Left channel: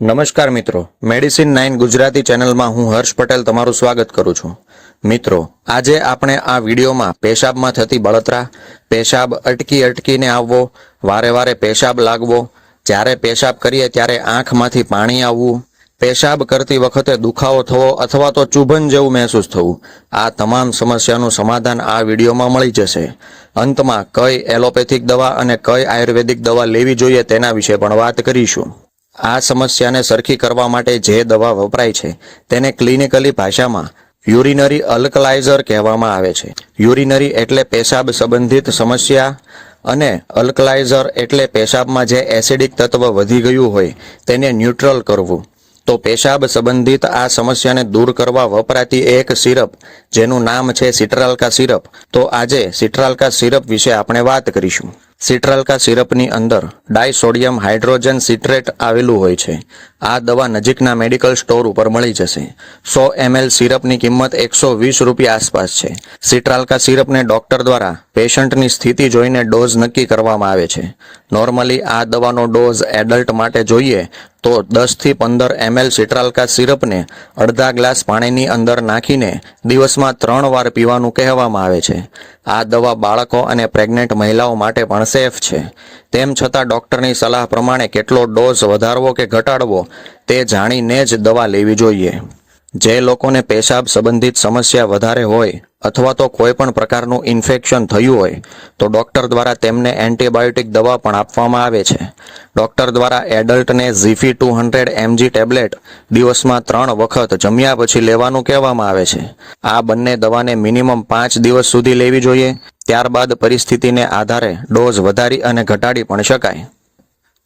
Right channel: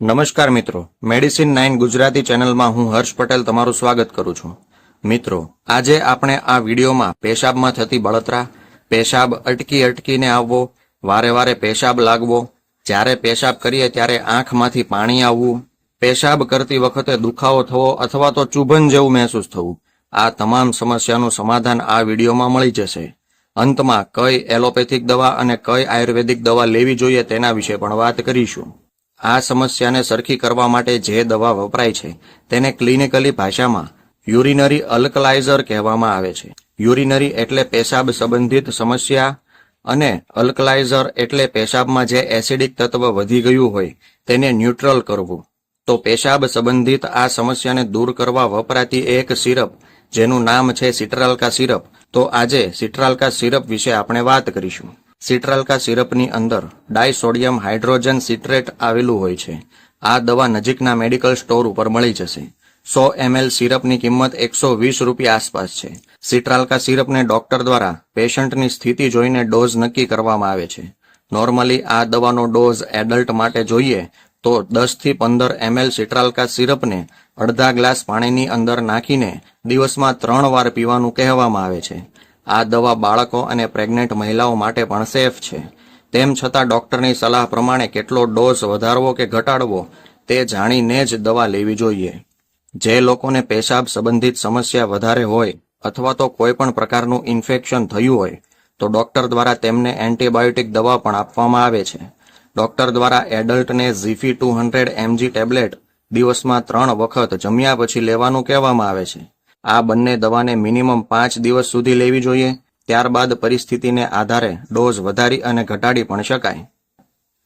નમસ્કાર મિત્રો. Medicine nine Gujarati ચેનલમાં હું હર્ષ પટેલ તમારું સ્વાગત કરું છું. મિત્રો, આજે આપણે આ વિડીયોમાં પેશાબમાં થતી બળતરા, પેશાબ અટકી અટકીને આવવો, વારે વારે પેશાબ લાગવો, જ્યારે પેશાબ કરીએ ત્યારે આંખમાંથી પાણી આવવું, પેશાબ કરતી વખતે દુખાવો થવો અથવા તો ચુભન જેવું મહેસૂસ થવું, આ તમામ સમસ્યાનું સમાધાન આ વિડીયોમાં મળી જશે. અંતમાં કઈ એલોપેથિક દવા અને કઈ આયુર્વેદિક દવા લેવી જોઈએ તેના વિશે પણ વાત કરીશું. આ સમસ્યાને સરખી કરવા માટે જે દવા વપરાય છે, તેને ક્લિનિકલી ભાષામાં યુરિનરી અલ્કલાઇઝર કહેવામાં આવે છે. યુરિનરી એટલે પેશાબ સંબંધિત સમસ્યા અને અલ્કલાઇઝર એટલે પેશાબમાં જે એસિડિક તત્વ વધી ગયું હોય, તેને ન્યુટ્રલ કરવું. તો પેશાબ સંબંધિત આ સમસ્યાને દૂર કરવા વપરાતી એક સિરપ, જેનું નામ છે સિટ્રાલ્કા સિરપ. તો આજે સિટ્રાલ્કા સિરપ વિશે આપણે વાત કરીશું. સિટ્રાલ્કા સિરપની અંદર ડાયસોડિયમ હાઇડ્રોજન સિટ્રેટ આવેલું હોય છે. આ દવા નજીકના મેડિકલ સ્ટોર ઉપર મળી જશે. સો એમએલ સિરપની કિંમત એકસો વીસ રૂપિયા આસપાસ છે. સિટ્રાલ્કા સિરપને ડોક્ટર દ્વારા પેશન્ટની સ્થિતિ જોઈને ડોઝ નક્કી કરવામાં આવે છે. નોર્મલી આ દવાનો ડોઝ એડલ્ટ માટે જોઈએ તો દસથી પંદર એમએલ સિટ્રાલ્કા સિરપને અડધા ગ્લાસ પાણીની અંદર નાખીને દિવસમાં ત્રણ વાર પીવાનું કહેવામાં આવે છે. આ દવા બાળકો અને પ્રેગ્નેન્ટ મહિલાઓ માટે પણ સેફ છે. તેમ છતાં ડૉક્ટરની સલાહ પ્રમાણે કેટલો ડોઝ વધારવો કે ઘટાડવો, તે જાણીને જ દવા લેવી જોઈએ. જે લોકોને પેશાબ સંબંધિત સમસ્યા વધારે હોય અથવા તો કોઈ પણ પ્રકારનું ઇન્ફેક્શન થયું હોય, તો ડૉક્ટર દ્વારા તેમને એન્ટીબાયોટિક દવા પણ આપવામાં આવે છે. ડોક્ટર દ્વારા એડલ્ટને Zifi two hundred MG tablet દિવસમાં ત્રણ વખત જમ્યા પછી લેવાનું કહેવામાં આવે છે. આ બંને દવાને મિનિમમ પાંચ દિવસ સુધી લેવી જોઈએ. ત્યારબાદ પરિસ્થિતિને આધારે ડોઝ વધારી અને ઘટાડી પણ શકાય.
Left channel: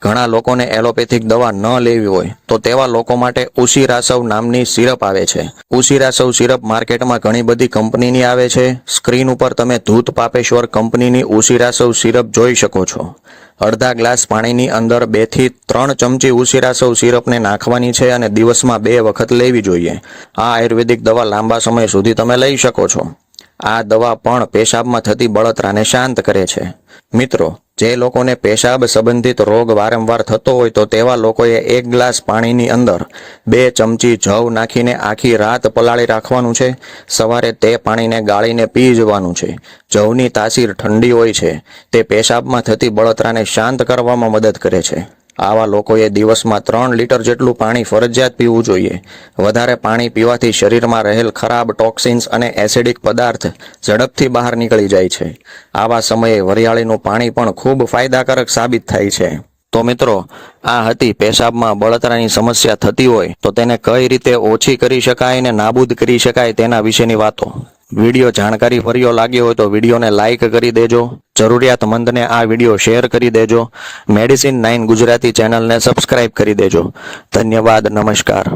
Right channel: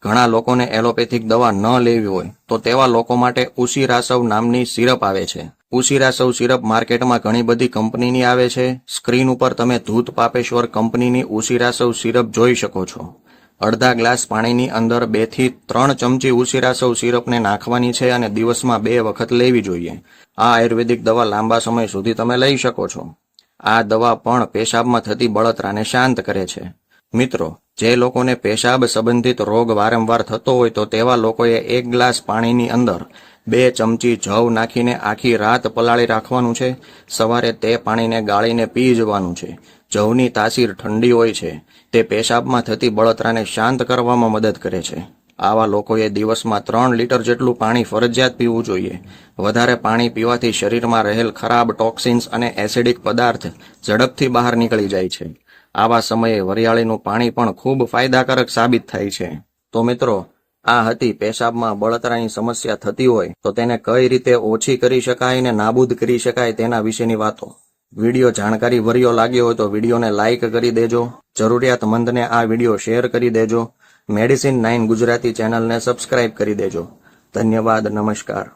ઘણા લોકોને એલોપેથિક દવા ન લેવી હોય, તો તેવા લોકો માટે ઉસીરાસવ નામની સિરપ આવે છે. ઉસીરાસવ સિરપ માર્કેટમાં ઘણી બધી કંપનીની આવે છે. સ્ક્રીન ઉપર તમે ધૂત પાપેશ્વર કંપનીની ઉસીરાસવ સિરપ જોઈ શકો છો. અડધા ગ્લાસ પાણીની અંદર બેથી ત્રણ ચમચી ઉસીરાસવ સિરપને નાખવાની છે અને દિવસમાં બે વખત લેવી જોઈએ. આ આયુર્વેદિક દવા લાંબા સમય સુધી તમે લઈ શકો છો. આ દવા પણ પેશાબમાં થતી બળતરાને શાંત કરે છે. મિત્રો જે લોકોને પેશાબ સંબંધિત રોગ વારંવાર થતો હોય તો તેવા લોકોએ એક ગ્લાસ પાણીની અંદર બે ચમચી જવ નાખીને આખી રાત પલાળી રાખવાનું છે. સવારે તે પાણીને ગાળીને પી જવાનું છે. જવની તાસીર ઠંડી હોય છે. તે પેશાબમાં થતી બળતરાને શાંત કરવામાં મદદ કરે છે. આવા લોકોએ દિવસમાં ત્રણ લીટર જેટલું પાણી ફરજિયાત પીવું જોઈએ. વધારે પાણી પીવાથી શરીરમાં રહેલ ખરાબ ટોક્સિન્સ અને એસિડિક પદાર્થ ઝડપથી બહાર નીકળી જાય છે. આવા સમયે વરિયાળીનું પાણી પણ ખૂબ ફાયદાકારક સાબિત થાય છે. તો મિત્રો, આ હતી પેશાબમાં બળતરાની સમસ્યા થતી હોય તો તેને કઈ રીતે ઓછી કરી શકાય અને નાબૂદ કરી શકાય તેના વિશેની વાતો. વીડિયો જાણકારી ભર્યો લાગ્યો હોય તો વિડીયોને લાઇક કરી દેજો. જરૂરિયાતમંદને આ વીડિયો શેર કરી દેજો. મેડિસિન નાઇન ગુજરાતી ચેનલને સબસ્ક્રાઇબ કરી દેજો. ધન્યવાદ, નમસ્કાર.